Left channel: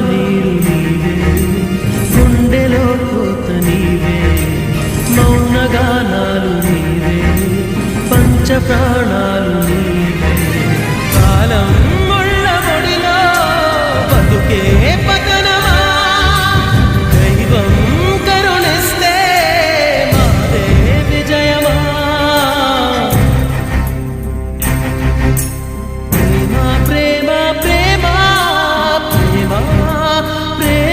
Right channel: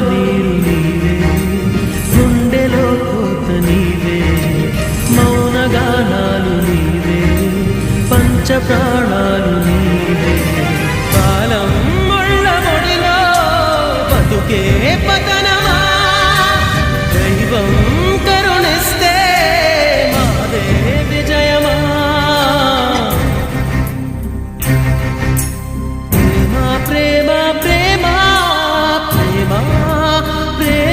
నీరు నీవే, గుండెలో కోత నీవే, మౌనగానాలు నీవే, పంచ ప్రాణాలు నీవే. కాలం ముళ్ళ ముడిలో బతుకే పతనమా, దైవం కరుణిస్తే మాదే విజయమా. ప్రేమ ప్రేమ ప్రేమ ప్రేమ ప్రేమ